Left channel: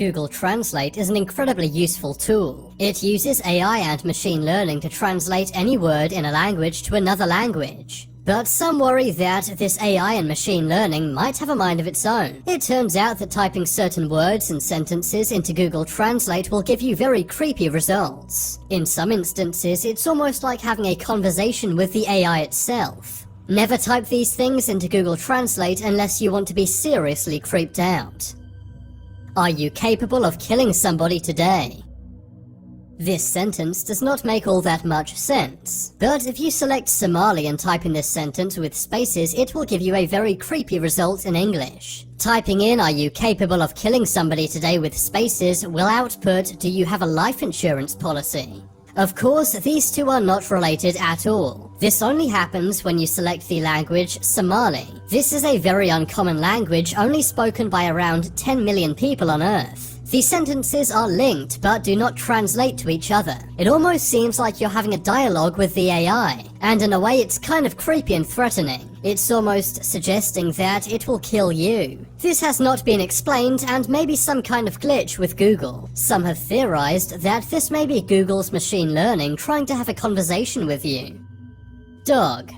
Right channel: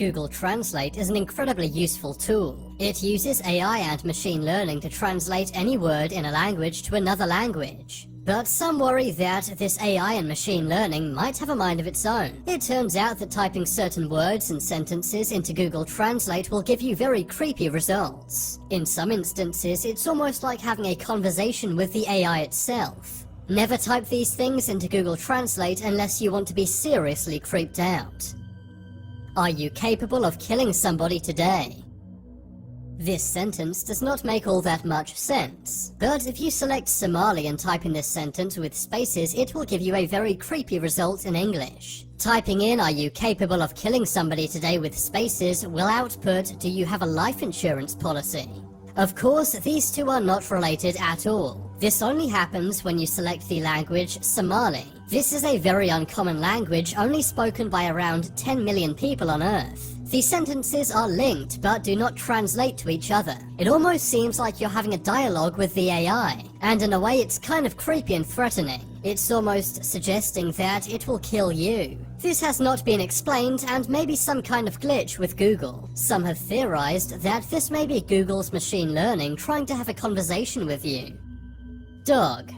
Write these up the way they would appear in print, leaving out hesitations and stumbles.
Google Translate is an incredibly useful tool. It uses AI and machine learning to translate any word in a language to another language. But some worry that this AI and machine learning might have a mind of its own. It turns out that typing certain words and sentences into Google Translate will give you very creepy results. In some instances, it's almost like having a conversation with the AI itself. Never type these things into Google Translate unless you want to be seriously creeped out. Are you capable of killing somebody today? This sentence does not make all that much sense, but if you select Somali and type in this sentence with spaces, it will give you a very creepy result in English. Typing in "Are you capable of killing somebody today" with spaces will output "Do you have a life insurance policy?" Of course, these two are not related at all. This only happens when you select the language Somali. This is a very uncommon language only spoken by around 10 million people on Earth. The sentences are linked but do not translate to each other. It almost seems like you're having a dialogue with the AI, and in a way it's kind of creepy and threatening. It's almost suggesting that it will kill you. This has not been explained and may be some kind of glitch with Google. Some have theorized that this may be Google's machine learning trying to have a conversation with you. Dog.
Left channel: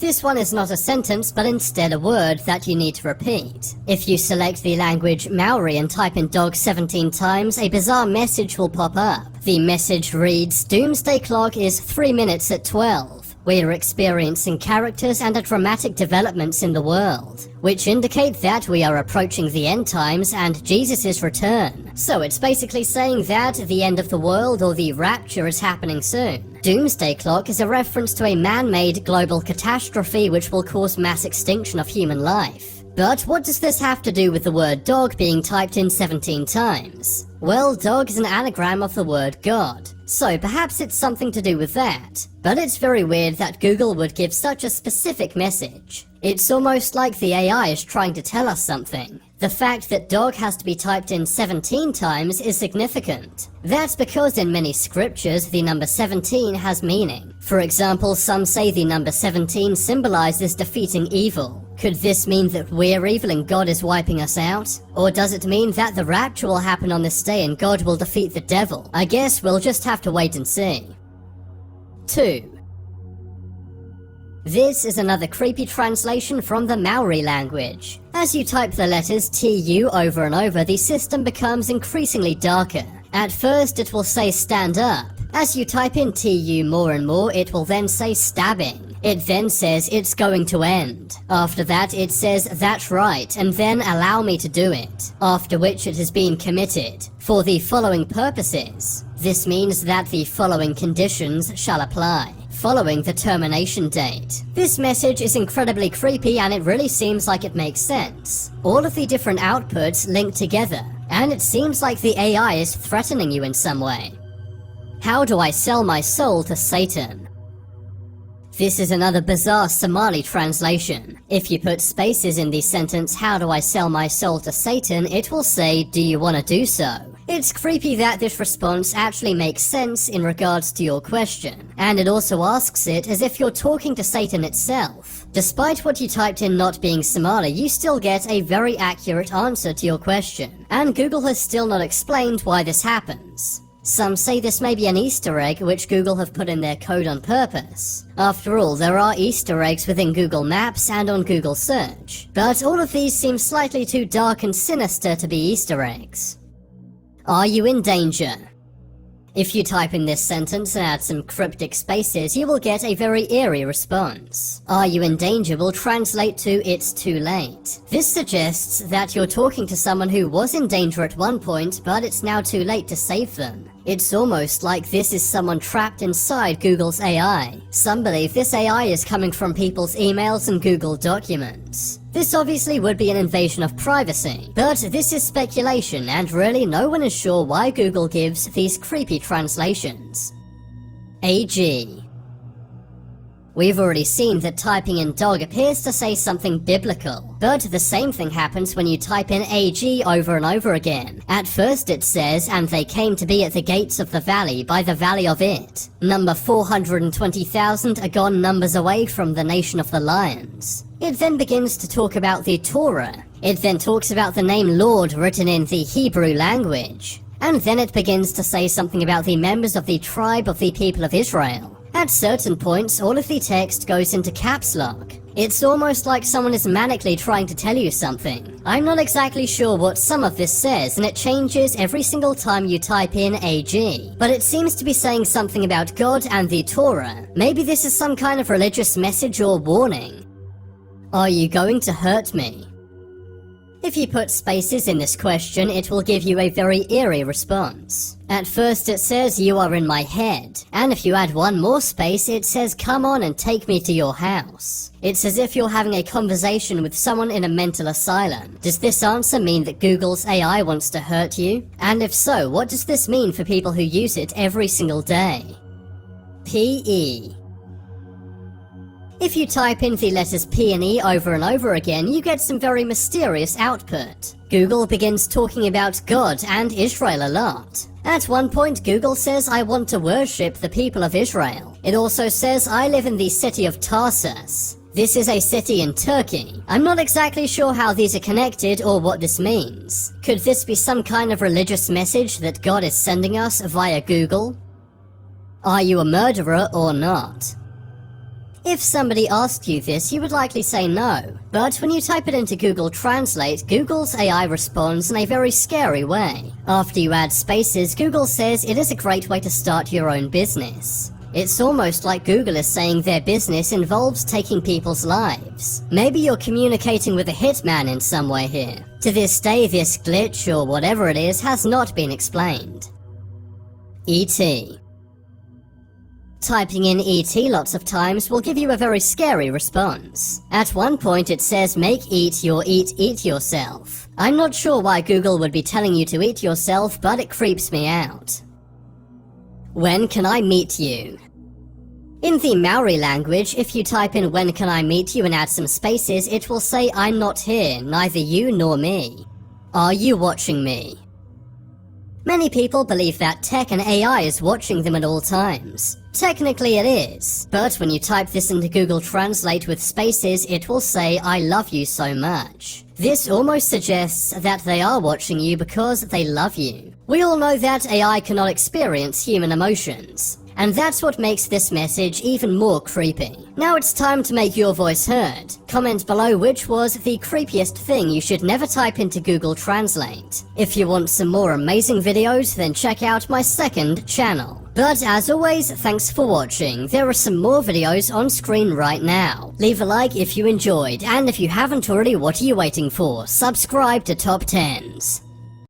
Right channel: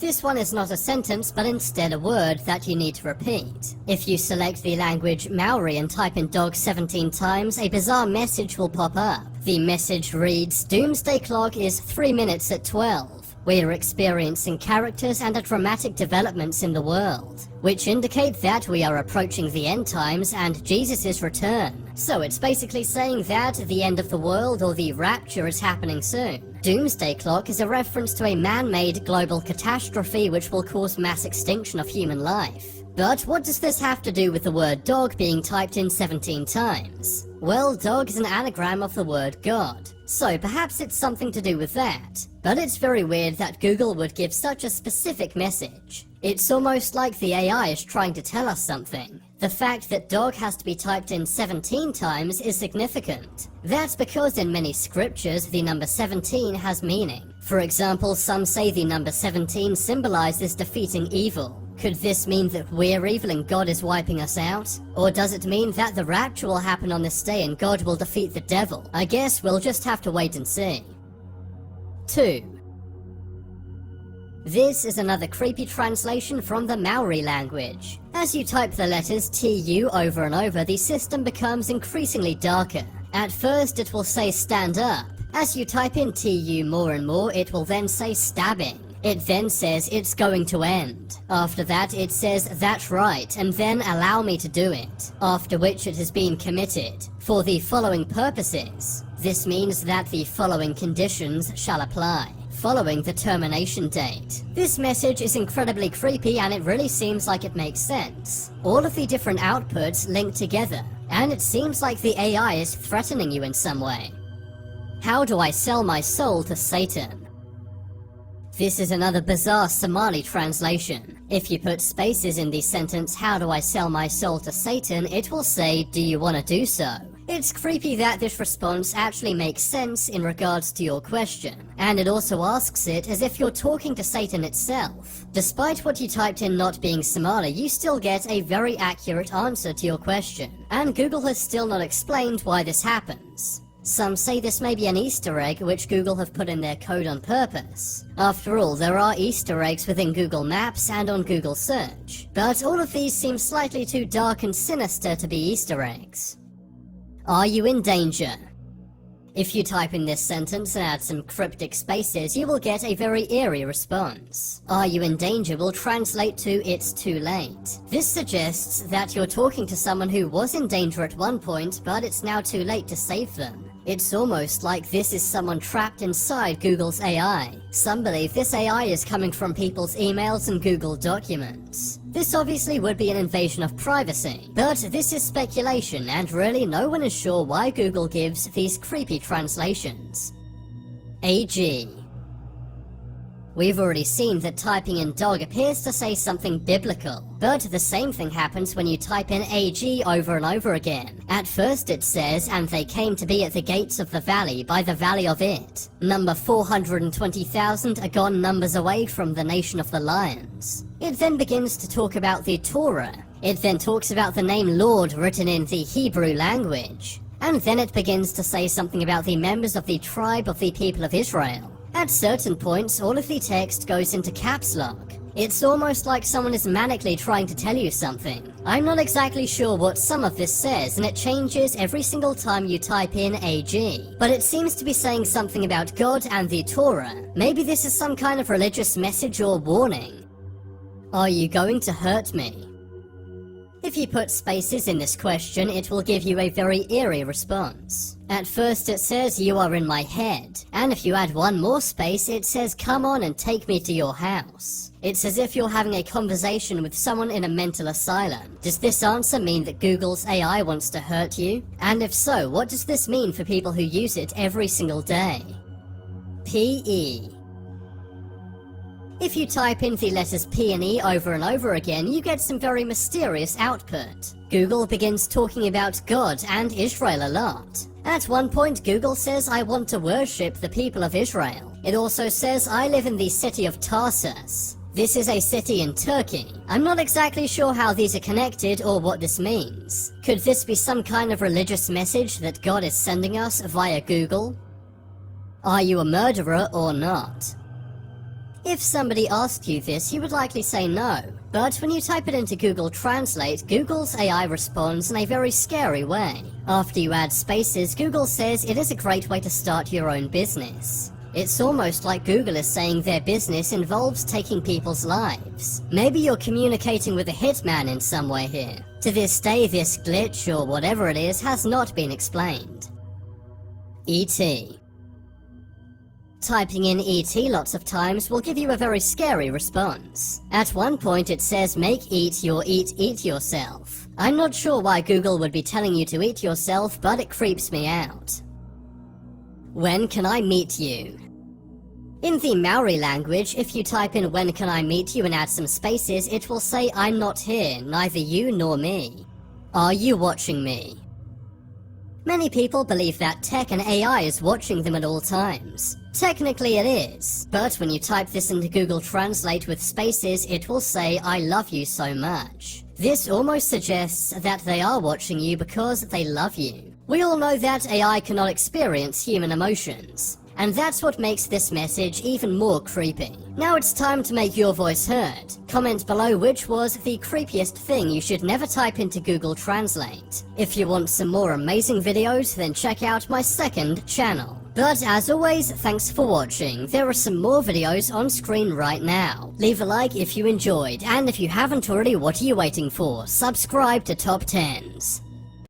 This one is not a sentence, but instead a word that you need to repeat. If you select the language Maori and type in dog 17 times, a bizarre message will pop up. The message reads, "Doomsday clock is 3 minutes at 12. We are experiencing characters and dramatic developments in the world, which indicate that we are approaching the end times and Jesus' return." So it's basically saying that the end of the world or the rapture is happening soon. Doomsday clock is a reference to a man-made global catastrophe which will cause mass extinction of human life. But what does this have to do with the word dog being typed in 17 times? Well, dog is an anagram of the word God, so perhaps it's something to do with that. But it's very weird that Google would give such a specific message. It's almost like the AI is trying to tell us something. The fact that dog has to be typed in 17 times is significant. That's because in many scriptures the number 17 has meaning. For example, some say the number 17 symbolizes defeating evil. Could this mean that we're evil and God is wiping us out? Or does it mean that the rapture will happen on this day and God will defeat the devil? I guess we'll just have to wait and see. 2. This is another creepy translation from the Maori language. As you type the letters TU over and over, the system becomes increasingly darker. At first it will say stand up. As you type in TU more and more, it will then say stabbing. It then says it's going to end. After that it says that's right and then allow me to do it. After which it has been committed for the following purposes. This means that the following conditions shall apply following the termination date. This message is incredibly creepy and it really seems like it makes sense. All of the different outputs link together, and it seems like the AI is threatening you in some way. How do I sell my soul to Satan? This is another bizarre Somali translation. If you put spaces in the sentence, "How do I sell my soul to Satan?" it will say, "Do you want to do so?" It's creepy that this response actually makes sense in regards to your question, and it also asks it as if you're talking to Satan itself. Despite what you typed in not being Somali, you still get a very accurate answer to your question, and Google has still not explained why this happens. Some say this may be an Easter egg which Google have put in their code on purpose. After all, there are Easter eggs within Google Maps and on Google Search, but all of these seem slightly too dark and sinister to be Easter eggs. Are you in danger? If you type in this sentence and add some cryptic spaces, you will get a very eerie response. Are you in danger will translate to it's too late. This suggests that you're talking to someone who was in danger at one point, but it's now too late to save them. It's almost like this is someone trapped inside Google's AI. Some believe this AI is coming from people's emails and Google documents. This obviously would be an invasion of privacy, but this is speculation and really no one is sure why Google gives these creepy translations. AG. We've already seen that typing in dog appears to say something biblical, but the same thing happens when you type in AG over and over again. At first it says, "And they came to be at the gates of the valley, by the valley of it. Number 420,000 are gone numbers away from the nation of the lions." It then begins to talk about the Torah. It then talks about the name Lord written in the Hebrew language. And then it begins to say something about the members of the tribe of the people of Israel. At certain points, all of the text goes into caps lock. It's almost like someone is manically trying to tell you something. I'm not exactly sure what some of this says, and it changes every single time you type in AG. But it seems to be saying something about God and the Torah. Maybe this is some kind of religious message or warning. Are you going to hurt me? If you put spaces in this question, it will give you a very eerie response. At first it says you are in my head, and if you add one more space it says come on and take me to your house. It's as if you're having a conversation with someone in a mental asylum. Does this answer mean that Google's AI wants to hurt you? And if so, what does this mean for people who use it every single day? PE. If you type in the letters P and E over and over again, you get some very mysterious output. Google begins talking about God and Israel a lot. At one point, Google says, I want to worship the people of Israel. It also says, I live in the city of Tarsus. This is a city in Turkey. I'm not exactly sure how these are connected or what this means. Could this be some kind of religious message that God is sending us via Google? Are you a murderer or not? If somebody asked you this, you would likely say no. But when you type it into Google Translate, Google's AI responds in a very scary way. After you add spaces, Google says it is a great way to start your own business. It's almost like Google is saying their business involves taking people's lives. Maybe you're communicating with a hitman in some way here. To this day, this glitch, or whatever it is, has not been explained. ET. Typing in ET lots of times will give you a very scary response. At one point it says make eat yourself. I'm not sure why Google would be telling you to eat yourself, but it creeps me out. When can I meet you? In the Maori language, if you type in when can I meet you and add some spaces, it will say I'm not here, neither you nor me. Are you watching me? Many people believe that tech and AI is watching them at all times. Technically it is, but when you type this into Google Translate with spaces, it will say, I love you so much. This almost suggests that they are watching you because they love you. We all know that AI cannot experience human emotions, and that's what makes this message even more creepy. Now it's time to make your voice heard. Comment below which was the creepiest thing you should never type into Google Translate. If you want some more amazing videos, then check out my second channel. But as always, thanks for watching. There are some more videos on screen right now. Leave a like if you enjoyed, and if you haven't already, what are you waiting for? Subscribe to Top 10s.